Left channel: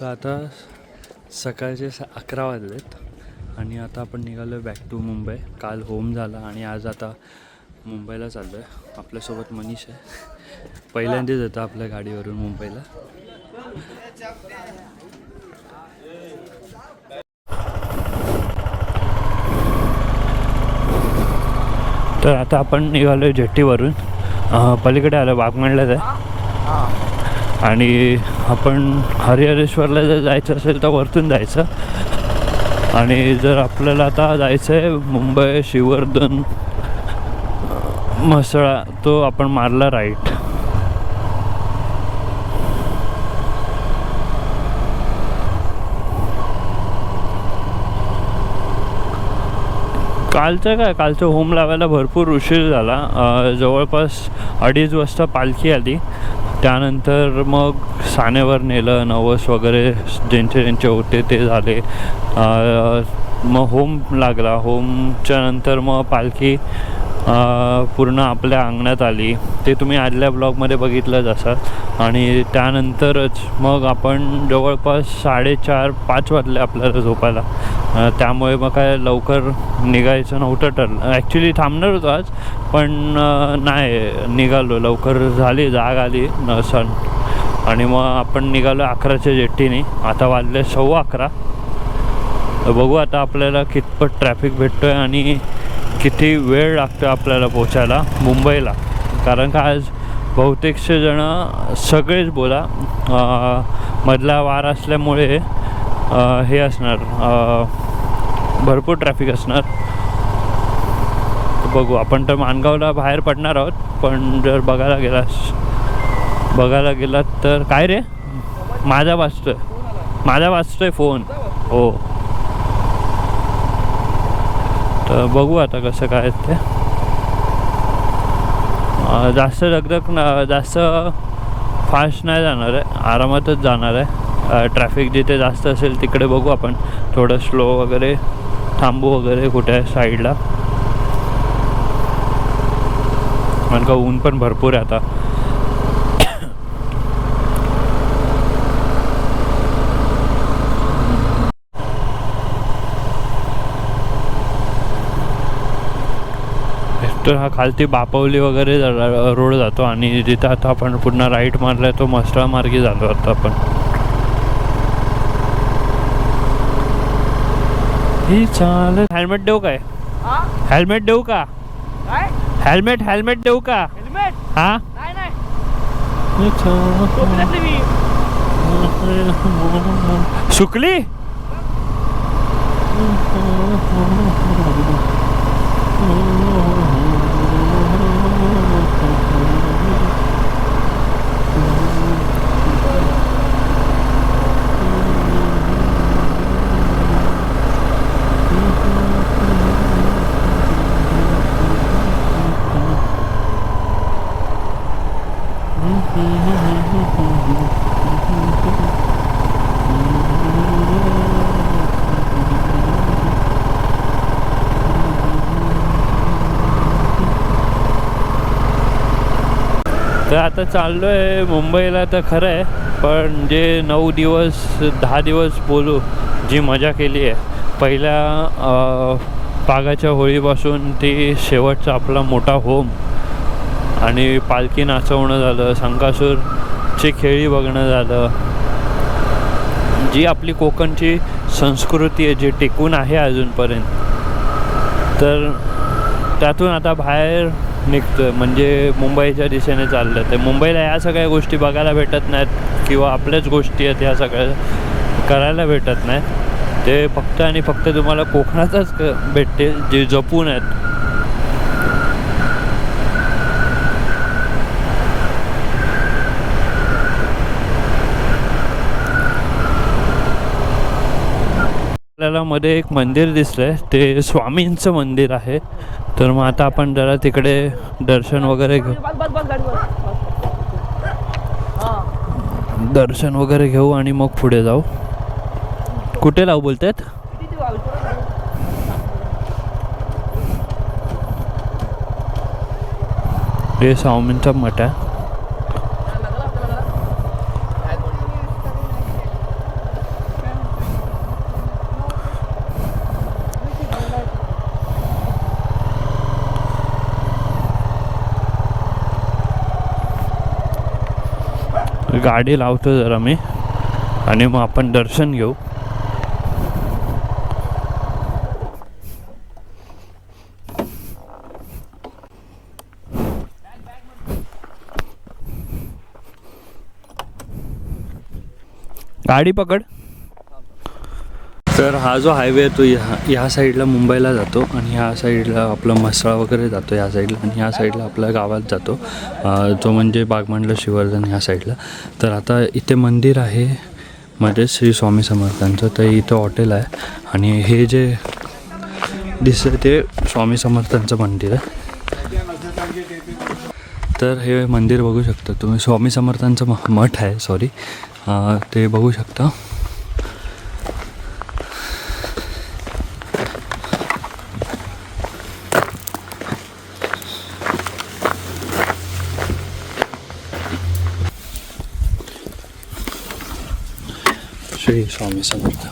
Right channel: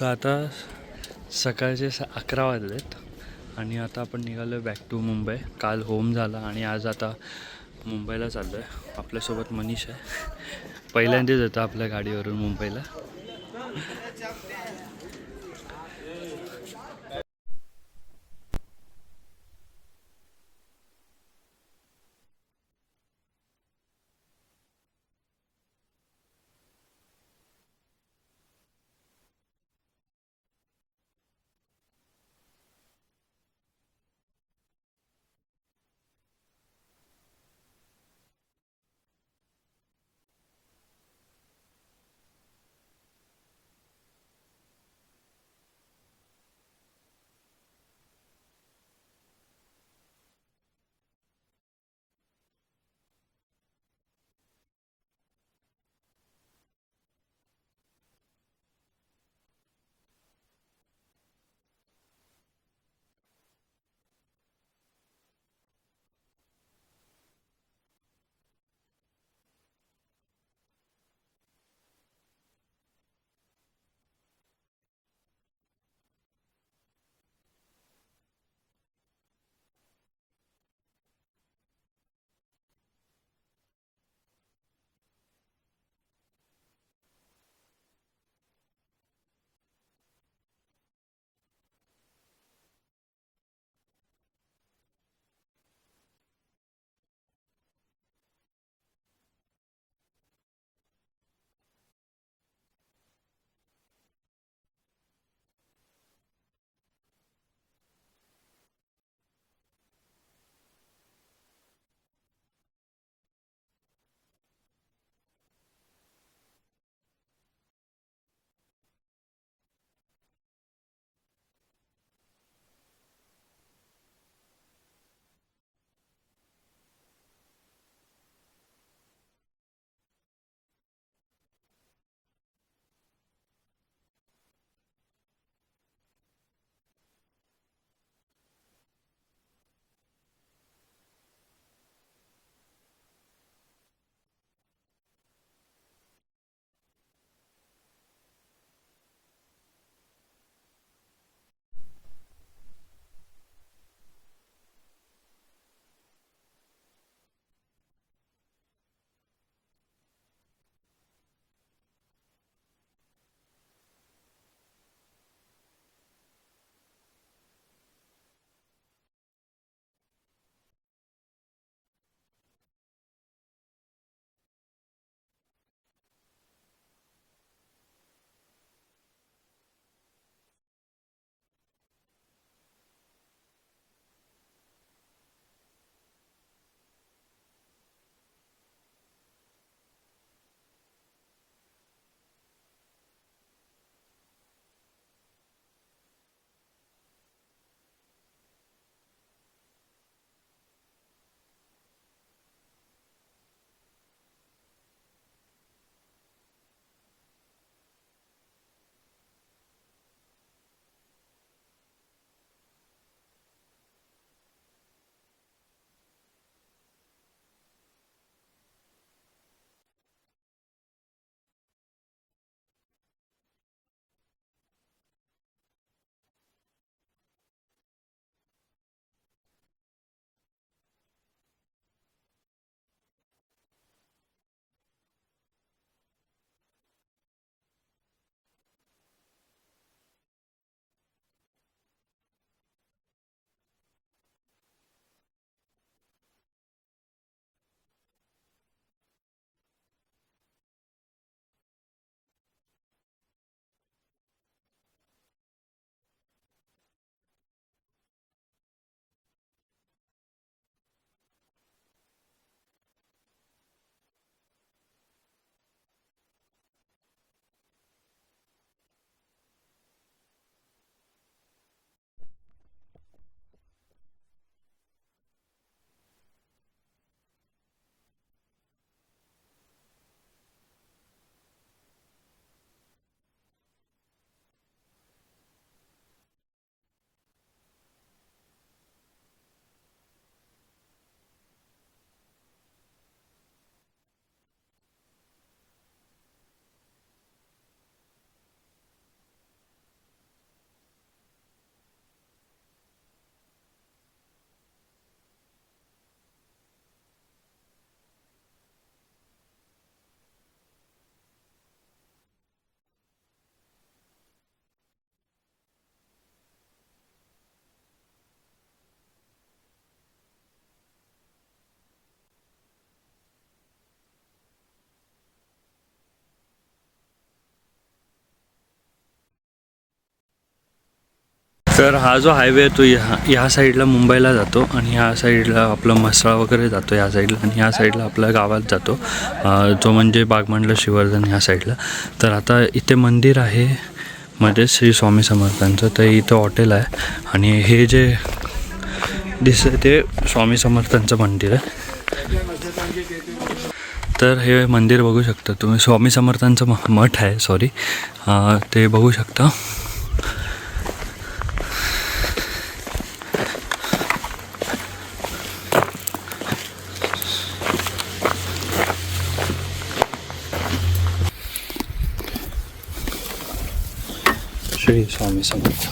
तर आता सकाळचे 11 वाजलेत आणि आता आपण निघालो बॅक टू मुंबई. काल होम झाला आणि आज आता मुंबईला चाललो आहे. आपल्यासोबत मनीष आहे. पहिल्यांदाच येतो आपल्या गाडीवरून मुंबईला. तर आता आपण निघालो आहे जेट्टीवरून. पलीकडे आलो बागमंडल्यात आहे आणि आपण हरिहरेश्वरला जर जायचं असेल तर वरतून जायचं. आणि जर आपल्याला आता जायचं आहे मुंबई श्रीवर्धन म्हसळा, तो आपण मारला राईट. कालचं होम लावायला भरपूर उशीर झाला. जवळपास 2:30 वाजता पालखी आली. त्यानंतर मग सानेवर नेलं, नवस वगैरे ज्यांचे होते ते झाले. मग होम लागला. होमच्या नंतर मग पालखी पूर्ण आपल्या अंगणात आली. ते तुम्ही आदल्या ब्लॉगमध्ये बघितलंच असाल. आणि त्यानंतरच मग आपण जवळपास 4:30-5 वाजले आपल्याला झोपायला. त्यामुळे मग काय लवकर निघायचं नव्हतं ठरलं. ॲक्च्युली थांबणार होतो आज, पण नाही निघालो. लवकर झाली, जाग आली सण. आणि मग आपण निघालो 11च्या जेट्टीने. आता वाजले 11:15. बघू आता आपल्याला कितपत ट्रॅफिक भेटतो आहे आणि किती वेळ लागतो आपल्याला पोचायला मुंबईला. कारण का आज बहुतेकशे जणं, सगळेच बोला, मधला वार असल्यामुळे हे असणार, भरपूर ट्रॅफिक असणार. बघू. आपण तर माणगावला बाहेर पडणार आहोत, पण जर बघायला गेलात तर काय रे, माझा वाजतोय फोन. हो, तर बघू आता कसं काय ते. जास्त दगदग जास्त फास्ट नाही जाणार आहे, आरामातच जाणार आहे. ट्रॅफिक जिथे जास्त असेल तिकडे बघू आपण थोडं स्लो वगैरे थांबू वगैरे कुठे साईडला. कारण का ऊन पण भरपूर आहे आता. तर हा खालती बापवली वगैरे रोड जातो आणि जिथं आता आपण पुन्हा राईट मारलाय तो म्हसळा मार्गी झालो आता आपण. ही चाल. हेल्मेट देऊ काय? हेल्मेट देऊ का? हेल्मेट देऊ का? हा, सुकली. तर आता चाललो आहे मुंबईला. तर खरं आहे, पण जे 9 दिवस 10 दिवस बोलू जी मजा केली आहे, पहिल्या पागाच्या होळीपासून ती शेवटचा आपला मोठा होम आणि पालखी नाचवणं झालं, संकासूरची खेळी बघणं झालं, जी आपली कोकणची संस्कृती आहे जी टिकून आहे अजूनपर्यंत. तर त्यातून आता बाहेर निघतोय, म्हणजे मुंबईच्या दिशेने चाललं. ते मुंबईला या सगळ्या गोष्टी बघायला भेटत नाहीत किंवा आपल्याच गोष्टी आहेत ह्या सगळ्या करायला भेटत नाहीत. ते फक्त आणि फक्त तुम्हाला कोकणातच भेटते, जे जपून आहेत. आपल्याला मध्ये एक मंदिर दिसलंय, ते स्वामींचं मंदिर आहे. तर मग आता आपण जरा तिकडे दर्शन वगैरे घेऊ आणि मग पुढे जाऊ. कुठे लावू बोलतात? हे स्वामींचा मठ आहे. गाडी लावतो जरा मी आणि मग आपण दर्शन घेऊ. गाडी पकड. तर हा जो हायवे आहे तो ह्या साईडला मुंबईला जातो आणि ह्या साईडला आपलं म्हसळा वगैरे जातो ह्या साईडला, आणि ह्या साईडला आपल्या गावात जातो जो म्हणजे बागमांडला श्रीवर्धन ह्या साईडला. तर आता इथे मंदिर आहे मध्ये श्री स्वामी समर्थांचं, तर इथं हॉटेल आहे आणि हे जे दिसतं ते स्वामी समर्थांचं मंदिर आहे. तर हे मंदिर बघू शकता तुम्ही, स्वामी समर्थांचं मठ आहे, सॉरी ते बघू शकता. श्री स्वामी समर्थ,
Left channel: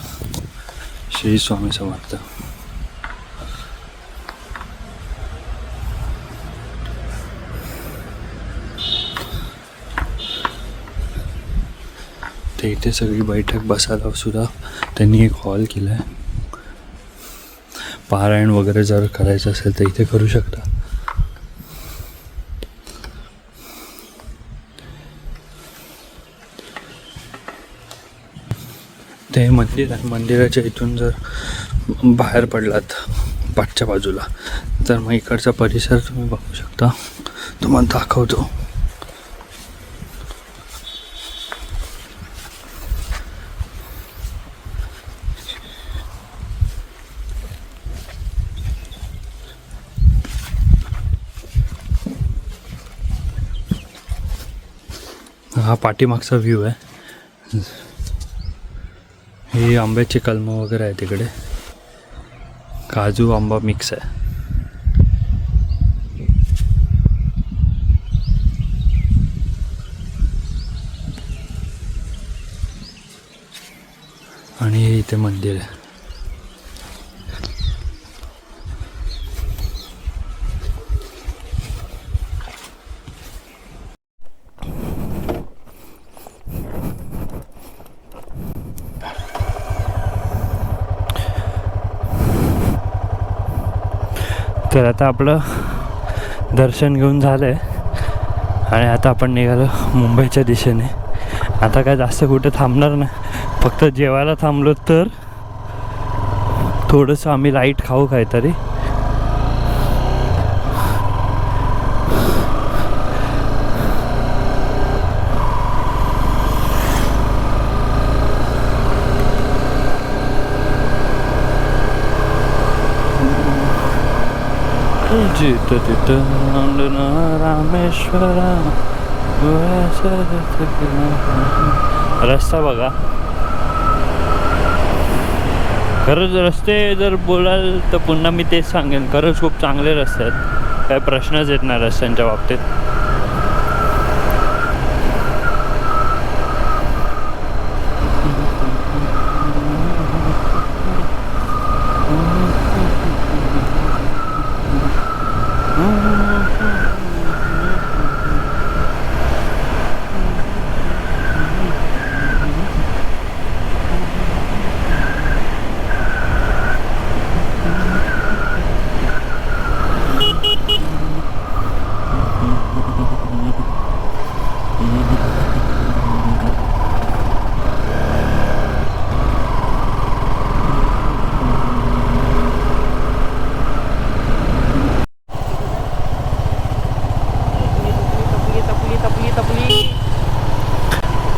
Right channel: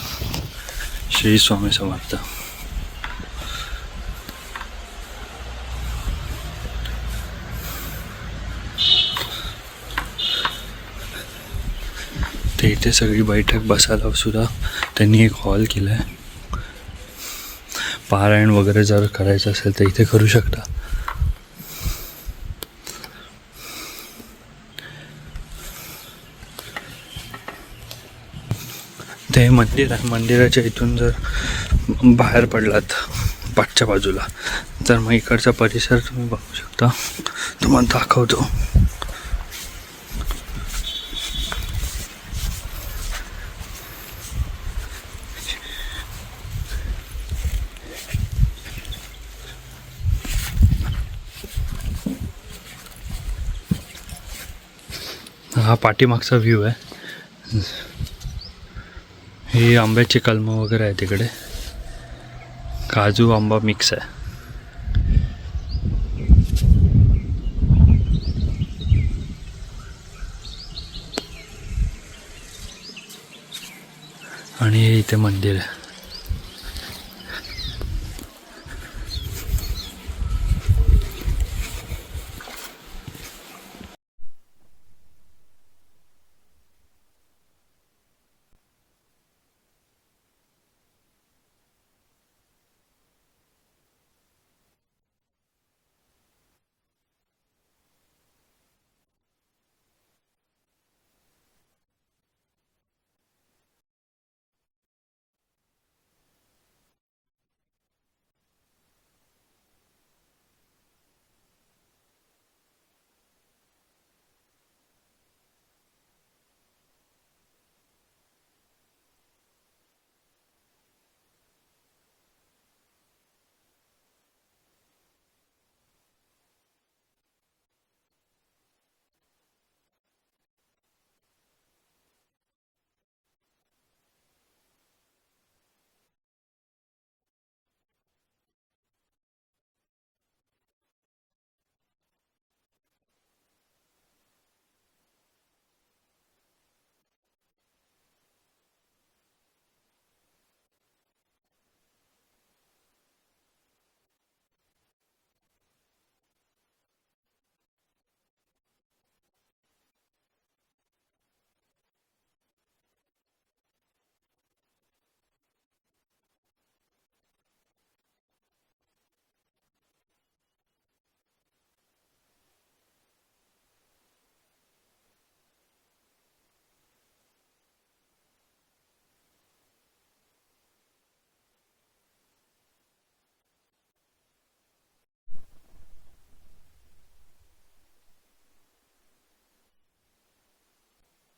श्री स्वामी समर्थ. ते इथे सगळी बैठक बसायला सुद्धा त्यांनी एक हॉल केला आहे. पारायण वगैरे जर करायचं असेल तर इथे करू शकता. ते मंदिर आहे, मंदिराच्या इथून जर बाहेर पडलात पाठच्या बाजूला तर मग इकडचा परिसर तुम्ही बघू शकता. तुम्हाला दाखवतो. हा पाठीमागचा व्ह्यू आहे. ही आंब्याची कलमं वगैरे आहे तिकडे, काजू आंबा मिक्स आहे. आणि हे इथे मंदिर आहे. तर आता आपलं दर्शन घेऊन झालं आहे आणि आता आपण निघालो मुंबईच्या दिशेने. आता काय जास्त कुठे थांबणार नाही, फक्त जेवायला थांबलो तर थोडंसं आम्ही लाईट खाऊ काहीतरी. जित तित रामेश्वरा. रस्ता बघा, खरंच रस्ते जर बोलाल तर पुन्हा मी तेच सांगेन, खरंच खूप चांगले रस्ते आहेत, काय प्रश्नच येत नाही रस्त्यांच्या बाबतीत.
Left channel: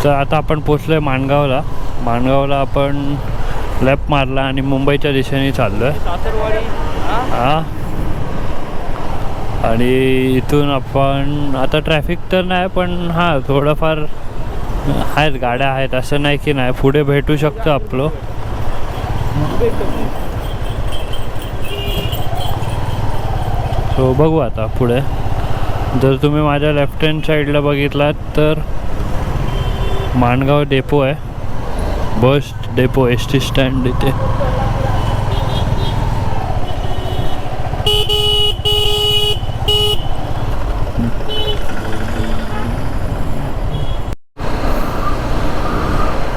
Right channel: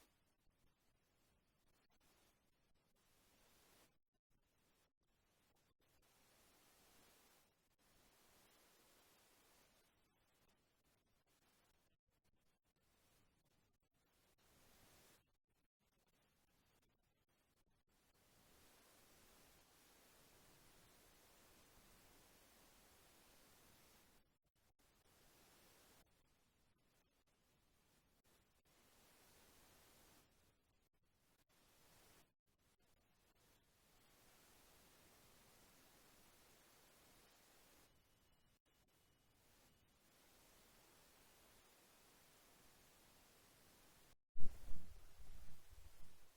तर आता आपण पोचलोय माणगावला. माणगावला आपण लेफ्ट मारला आणि मुंबईच्या दिशेने चाललोय. हां, आणि इथून आपण आता ट्रॅफिक तर नाही, पण हां थोडंफार आहेत, गाड्या आहेत, असं नाही की नाही. पुढे भेटू शकतो आपलं. सो बघू आता पुढे. जर तुम्ही माझ्या लेफ्ट हँड साईडला बघितलात तर माणगाव डेपो आहे, bus depot, S T stand इथे.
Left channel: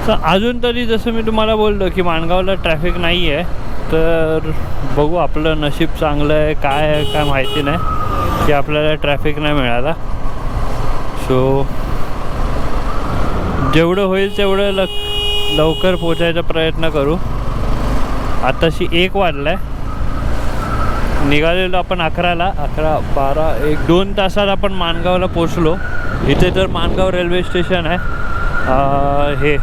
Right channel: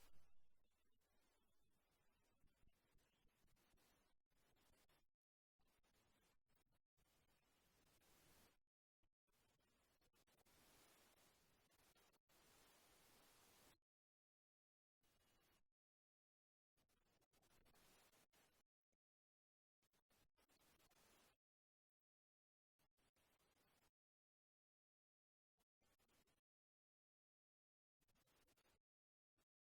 तर अजून तरी जसं मी तुम्हाला बोललो की माणगावला ट्रॅफिक नाही आहे, तर बघू आपलं नशीब चांगलं आहे काय माहिती नाही की आपल्याला ट्रॅफिक नाही मिळाला. सो जेवढं होईल तेवढं लवकर पोचायचा प्रयत्न करू. आताशी 1 वाजला आहे, निघालेलो आपण 11ला, 11, 12, 1, 2 तासात आपण माणगावला पोचलो. इथे तर माणगाव रेल्वे स्टेशन आहे. हे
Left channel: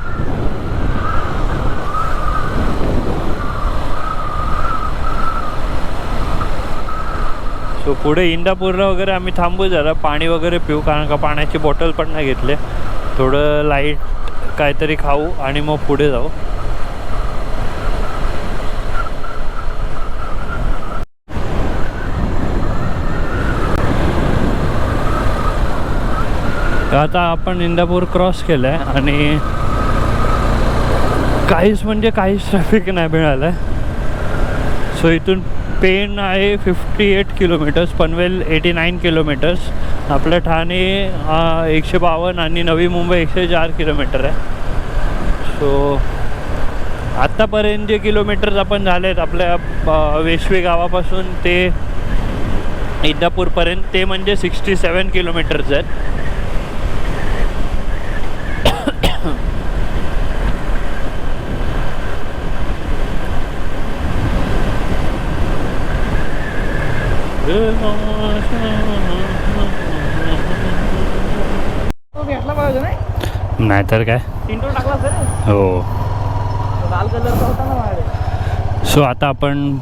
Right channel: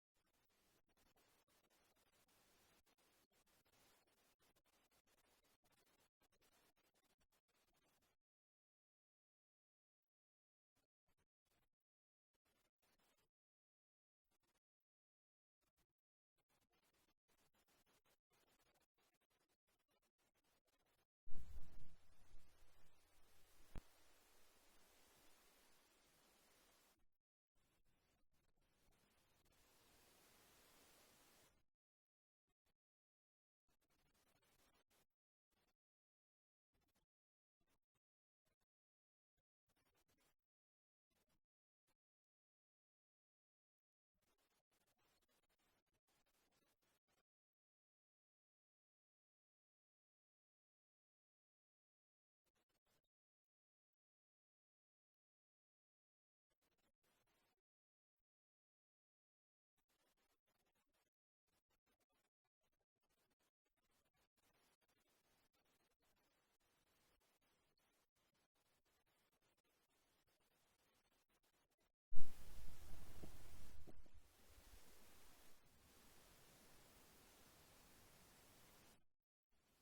सो पुढे इंदापूरला वगैरे आम्ही थांबू, जरा पाणी वगैरे पिऊ, कारण का पाण्याची बॉटल पण नाही घेतले. थोडं लाईट काहीतरी खाऊ आणि मग पुढे जाऊ. आता आपण इंदापूर क्रॉस केलं आहे आणि काहीच ट्रॅफिक नाही मिळालं आहे. सो इथून पेण आहे 58 किलोमीटर्स, पनवेल 89 किलोमीटर्स, आपलं ठाणे 152 आणि नवी मुंबई 104 किलोमीटर आहे. सो आत्तापर्यंत जे किलोमीटर्स आपण झाले आहेत आपल्या वेशवी गावापासून ते इंदापूरपर्यंत, ते म्हणजे 67 किलोमीटर्स आहेत. नाहीतर काय. हो. सो आता आपण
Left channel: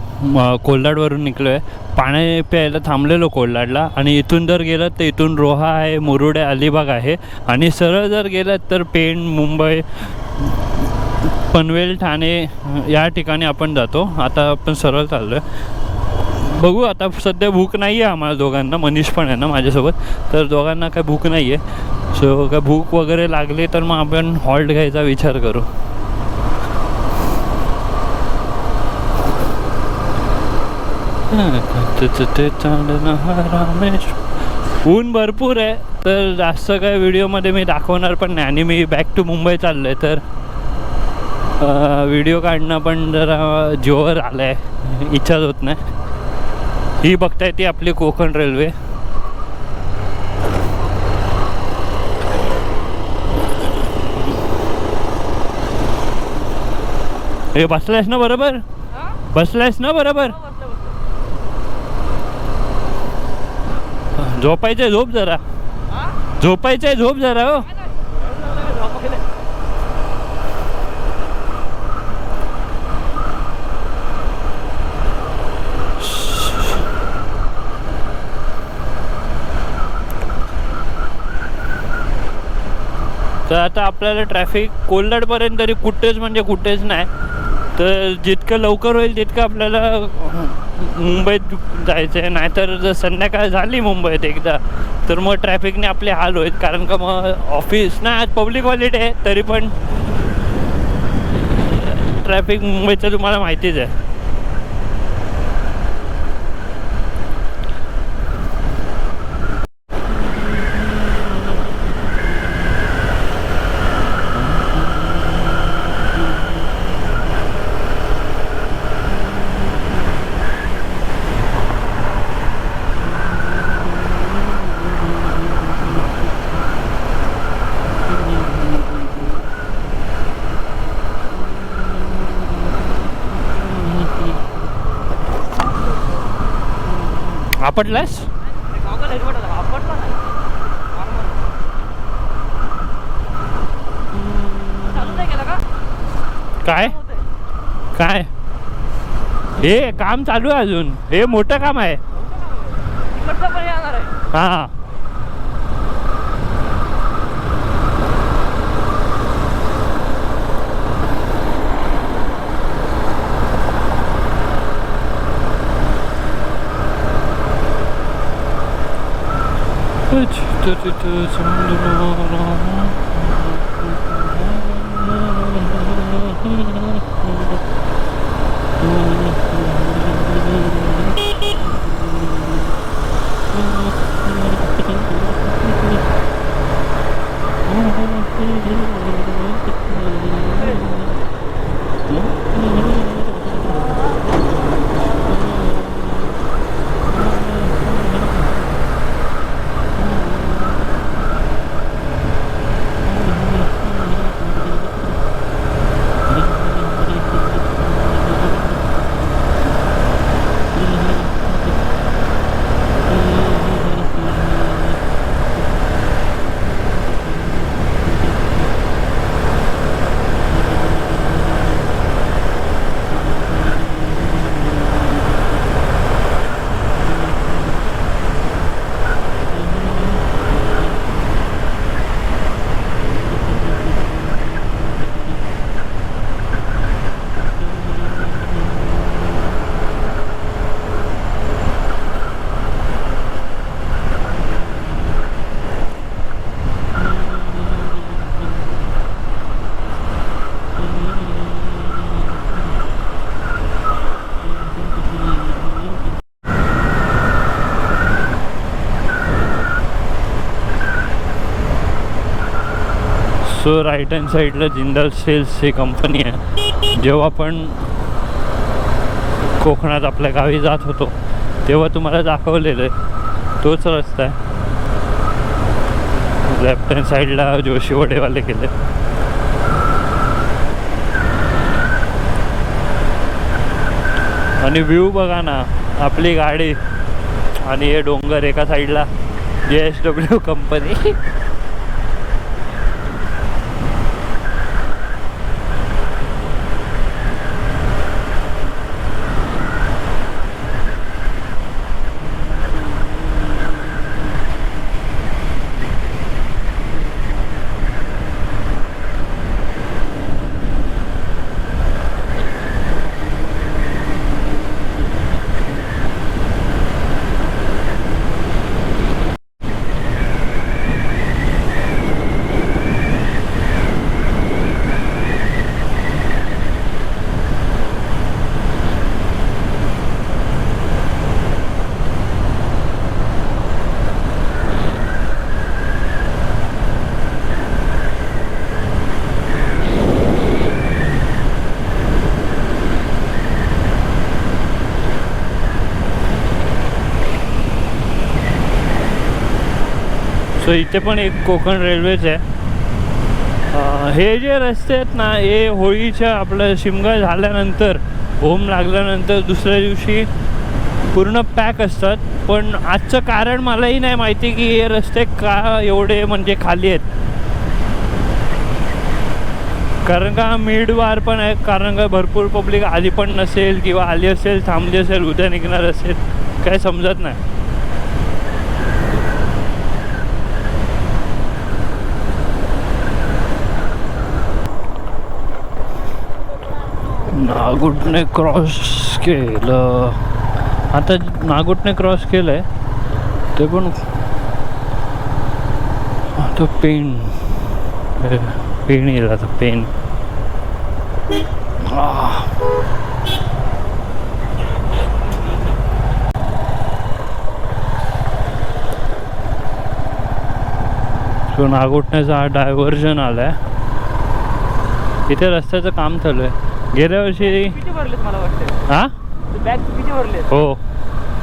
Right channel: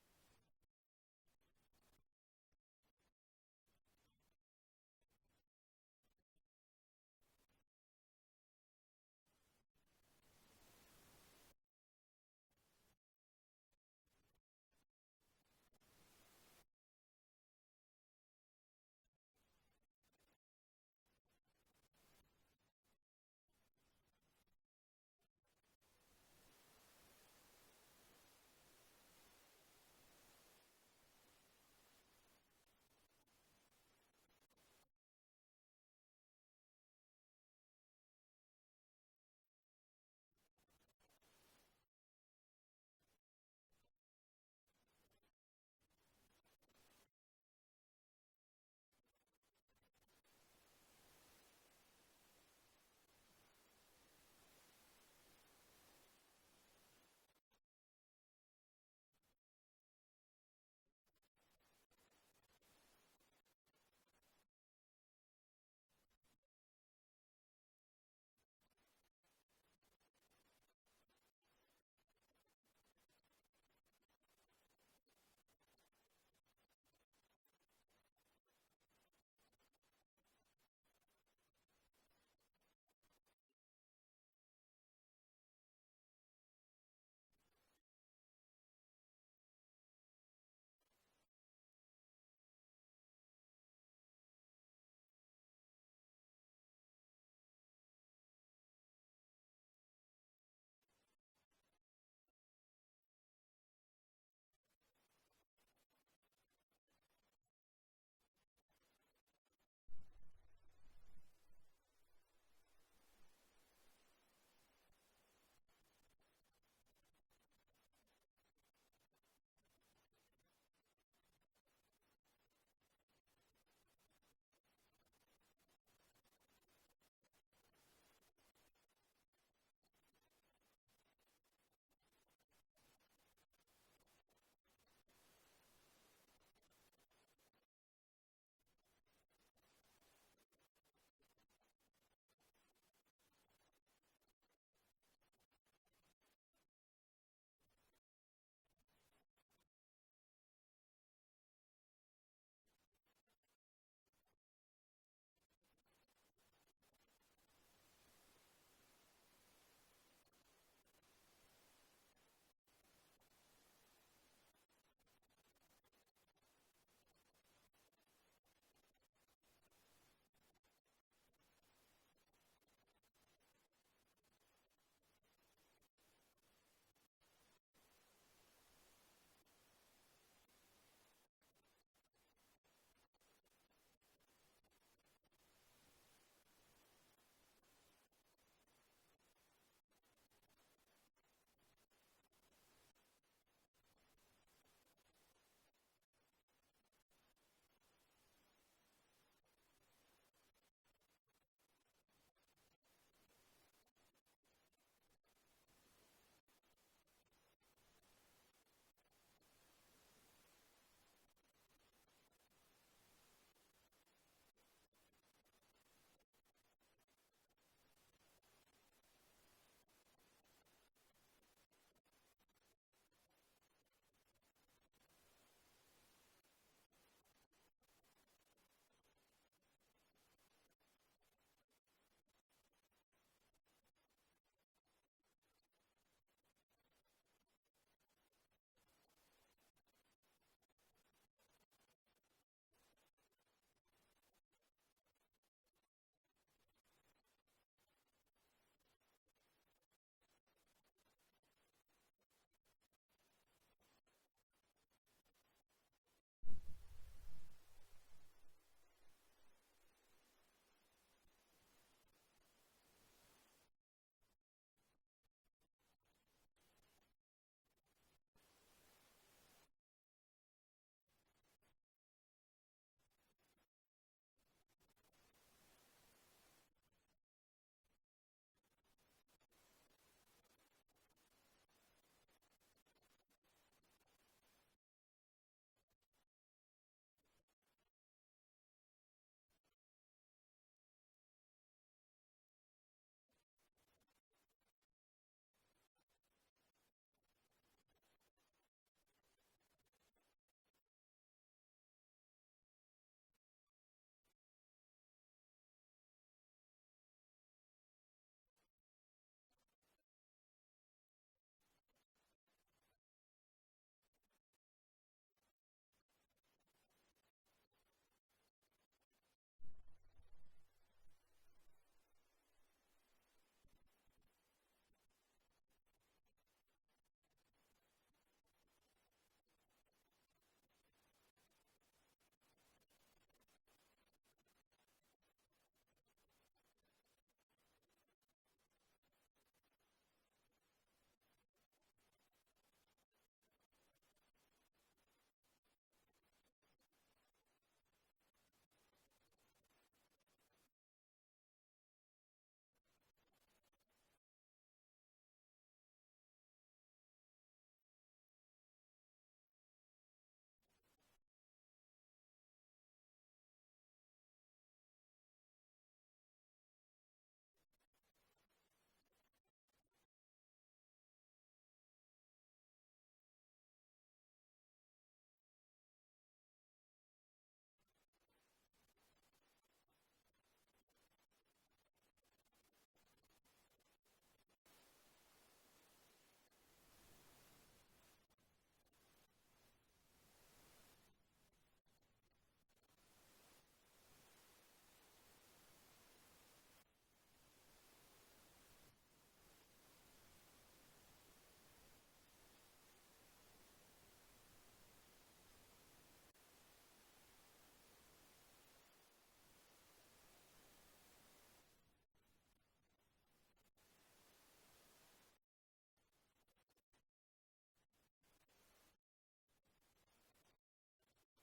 कोल्हाडवरून निघलो आहे. पाणी प्यायला थांबलेलो कोल्हाडला, आणि इथून जर गेलं तर इथून रोहा आहे, मुरुड आहे, अलिबाग आहे, आणि सरळ जर गेलं तर पेण, मुंबई, पनवेल, ठाणे या ठिकाणी आपण जातो. आता आपण सरळ चाललो आहे. बघू, आता सध्या भूक नाही आहे आम्हाला दोघांना, मनीष पण आहे ना माझ्यासोबत, तर दोघांना काय भूक नाही आहे. सो काय भूक वगैरे लागली तर मग आपण हॉल्ट घ्यायचा विचार करू. ऊन भरपूर आहे, तर जास्त काय व्हिडिओमध्ये मी दाखवणार पण नाही, आणि मी बॅक टू मुंबई चाललो आहे, तर व्हिडिओ काढणं पण जरा जोर आलं आहे, इच्छाच होत नाही. ही बघताय ती आपली कोकण रेल्वे. हे बसलायस ना बरोबर? बसलायस ना बरोबर? झोपायचंय, झोप जरा. झोपायचंय, झोप जरा. हो तर आता आपल्याला ट्रॅफिक कोल्हाडपर्यंत तरी कुठेच म्हणजे कुठेच नाही, तर जितकं लवकर होईल तितकं आपल्याला मुंबईत जायचं आहे. नाहीतर जर संध्याकाळ झाली मुंबईत एकदा, तर मग ट्रॅफिकने आपले हाल होईल, कारण का मग ऑफिस ना, आज पब्लिक हॉलिडे आहे, तरी पण ट्रॅफिक मुंबईचं तुम्हाला माहितीच आहे. आपटलास? काय काय हे काम चालू आहे अजून, हे मोठं काम आहे. हां सो राईट हँड साईडला जिंदाल स्टील्स ही कंपनी आहे. जेव्हा आपण कोकणात आपल्या गावी जात होतो तेव्हा तुम्हाला दाखवलेलं आहे तोच रस्ता आहे. लेफ्ट हँड साईडला जोशी वडेवाले गेले. आणि व्ह्यू बघा ना, आपली गाडी आणि हे डोंगर एका साईडला JSW कंपनी. सो इथे पण एक कोकण रेल्वेच आहे. हे जे रस्ते आहेत ना, हे होळीच्या आपलं शिमगा झाल्यानंतर, होम लागल्यानंतर दुसऱ्या दिवशी पूर्ण पॅक असतात. पण आजचं कारण मलाही नाही माहिती की हे रस्ते का एवढे म्हणजे खाली आहेत. कारण का मिडवार पण आहे, कारण का भरपूर पब्लिक आली पण नसेल किंवा आली असेल, थांबली असेल, उद्या निघणार असेल, काय समजत नाही. नागुटने क्रॉस केलं. आता नागुटने क्रॉस केलं आहे ते पण आता पेन येईल. आता पेन सो नागुटण्याचा हा डायव्हर्जन आला आहे. इथे रस्त्याचं काम चालू आहे. गेल्या वर्षी मला वाटतं हां बॅग किती भरले. हो,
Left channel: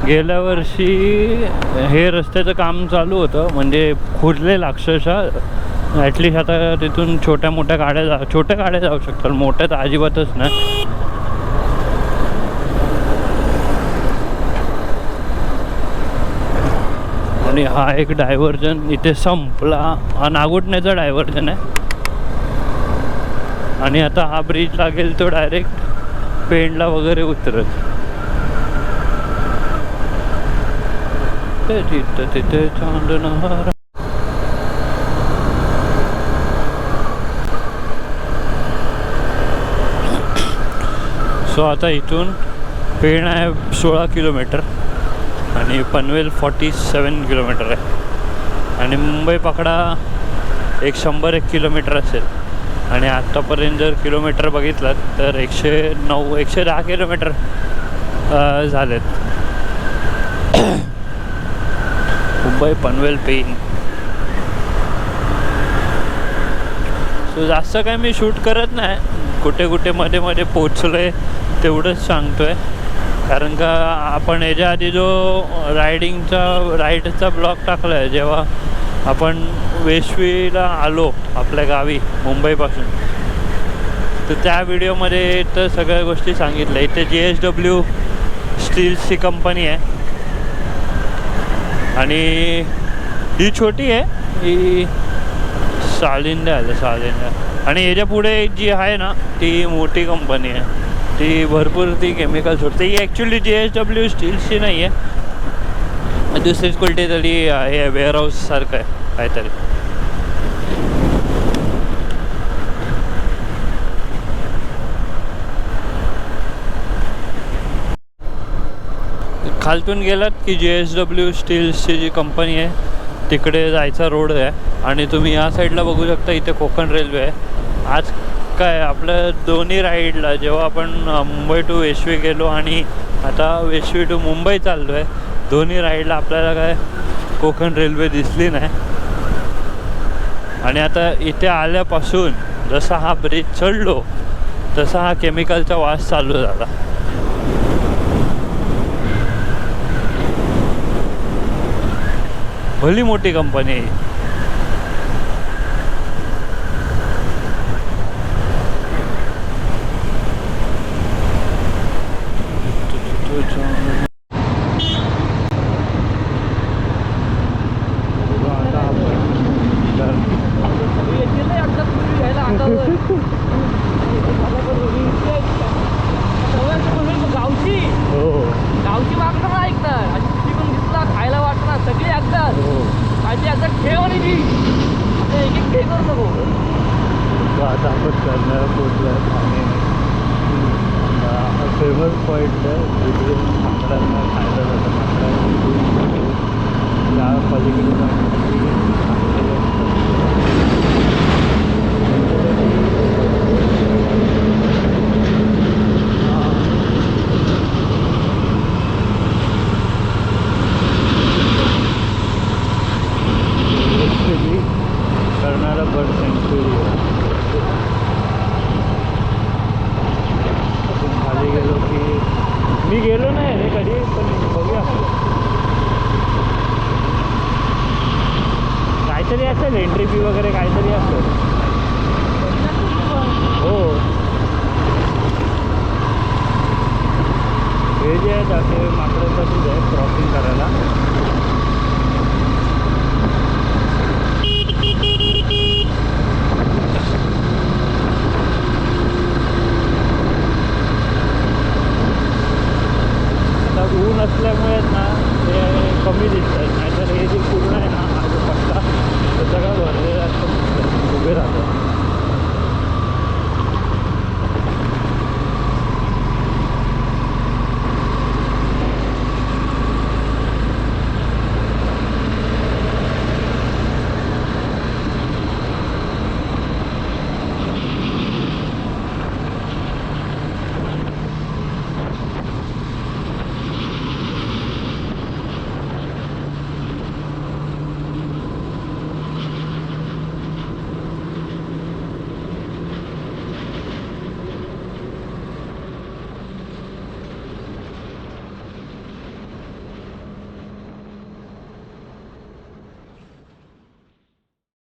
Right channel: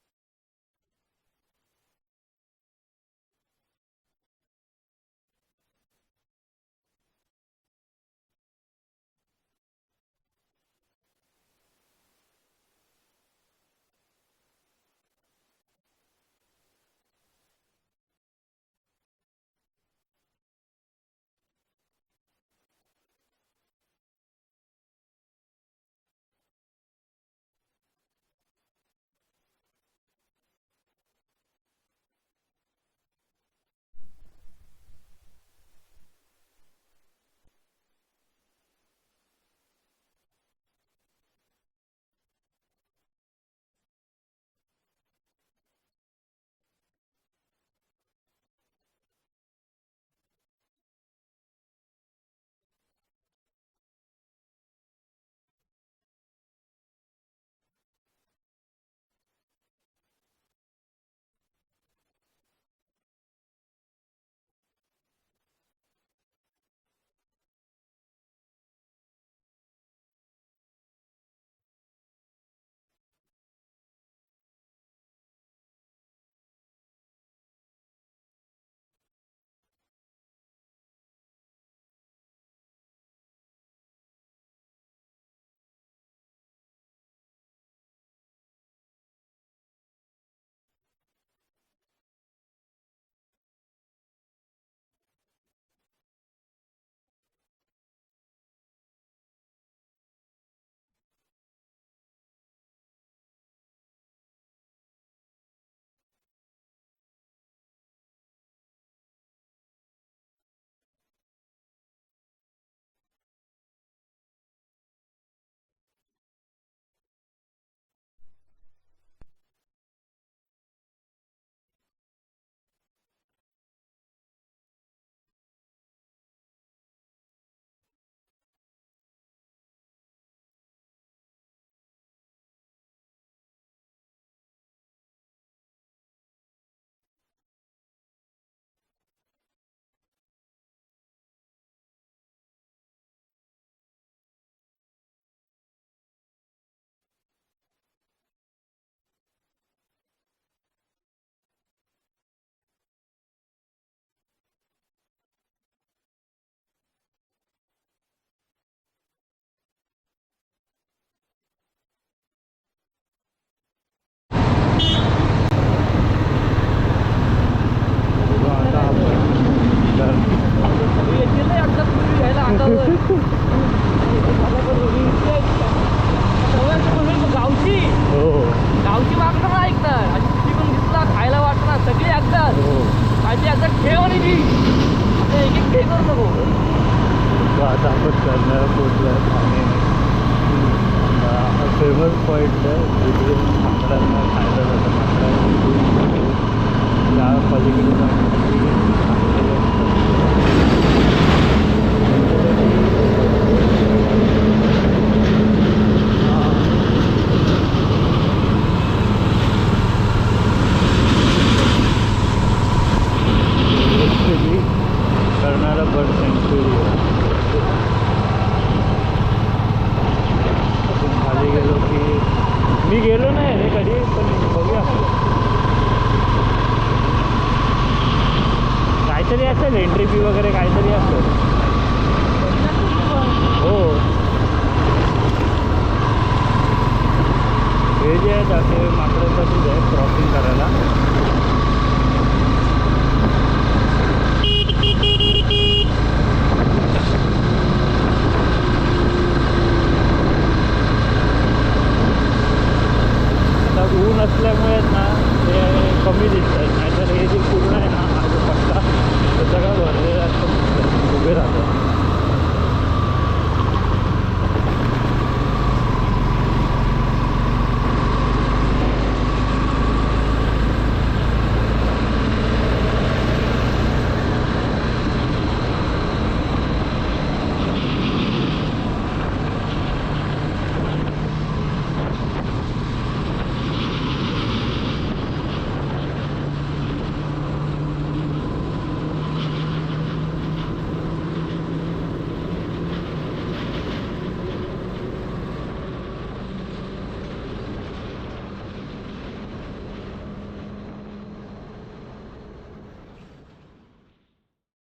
गेल्या वर्षी हे रस्त्याचं काम चालू होतं, म्हणजे खुरलेलं अक्षरशः. ॲटलिस्ट आता तिथून छोट्या गाड्या जाऊ शकतात, मोठ्या तर अजिबातच नाही. आणि हा एक डायव्हर्जन इथे संपला. हा नागुटण्याचा डायव्हर्जन आहे. आणि आता हा ब्रिज लागेल तो डायरेक्ट पेंडला वगैरे उतरत. तिथे चांदणहार. सो आता इथून पेण आहे 16 किलोमीटर आणि पनवेल 47 किलोमीटर आहे. आणि मुंबई पकडा 101 किलोमीटर असेल. आणि आत्तापर्यंत जर किलोमीटर बघितलं तर 110 किलोमीटर झालेत. मुंबई पनवेल पेन. सो जास्त काय मी शूट करत नाही, कुठे मध्ये पोचलोय तेवढंच सांगतोय. कारण का आपण याच्या आधी जो राईडचा ब्लॉग टाकला आहे, जेव्हा आपण वेशवीला आलो आपल्या गावी मुंबईपासून, तर त्या व्हिडिओमध्ये तर सगळ्या गोष्टी सांगितल्या. इथे JSW स्टील्सची कंपनी आहे आणि ही छोटी आहे, ही सालिंदा आहे. आणि याच्या पुढे जी आहे ना ती मोठी कंपनी आहे, ती भरपूर ती केमिकल सोडते. ही ॲक्च्युली JSW स्टील्सची नाही आहे, दुसरीच कुठली तरी हे वेअरहाऊस सारखं आहे काहीतरी. खालतून गेलात की JSW स्टील्सची जी कंपनी आहे तिकडे जायचा रोड आहे. आणि तुम्ही या साईडला बघू शकता, इथे कोकण रेल्वे आहे. आज काय आपलं दोन्ही राईडला, जेव्हा आपण मुंबई टू वेशवी गेलो आणि आता वेशवी टू मुंबई चाललो आहे, दोन्ही राईडला आपल्याला काय कोकण रेल्वे दिसली नाही. आणि आता इथे आल्यापासून जसा हा ब्रिज चढलो तसा हा केमिकलचा वास चालू झाला. भली मोठी कंपनी आहे. आता आपण येतील ना एकदा तुम्ही घ्यायला अंगावर. गावची हो गावची मागणं नाही ऐकणार. आणि तुझी पण दिसला खायला वाटणार सगळी ऐकतात. हो माझी आता ठेव आणि जी आता एक एक ठेव करू नको. आता आपण करणार पोचलं ठाणे. फेमस पॉईंट आहे तिथे माकडांना खायला जातं. माकडांना या पलीकडे करणारा बर्ड सँच्युरी आहे. आपण खाली गेलो की मी गेलो नाही रे कधी पण बघूया. काहीतरी असेल एंट्री फी वगैरे काहीतरी असेल. हो हे जे आहेत असे माकडांसाठीच आहे क्रॉसिंग करायला. आता ऊन असल्यामुळे ना ते कमी दिसतात.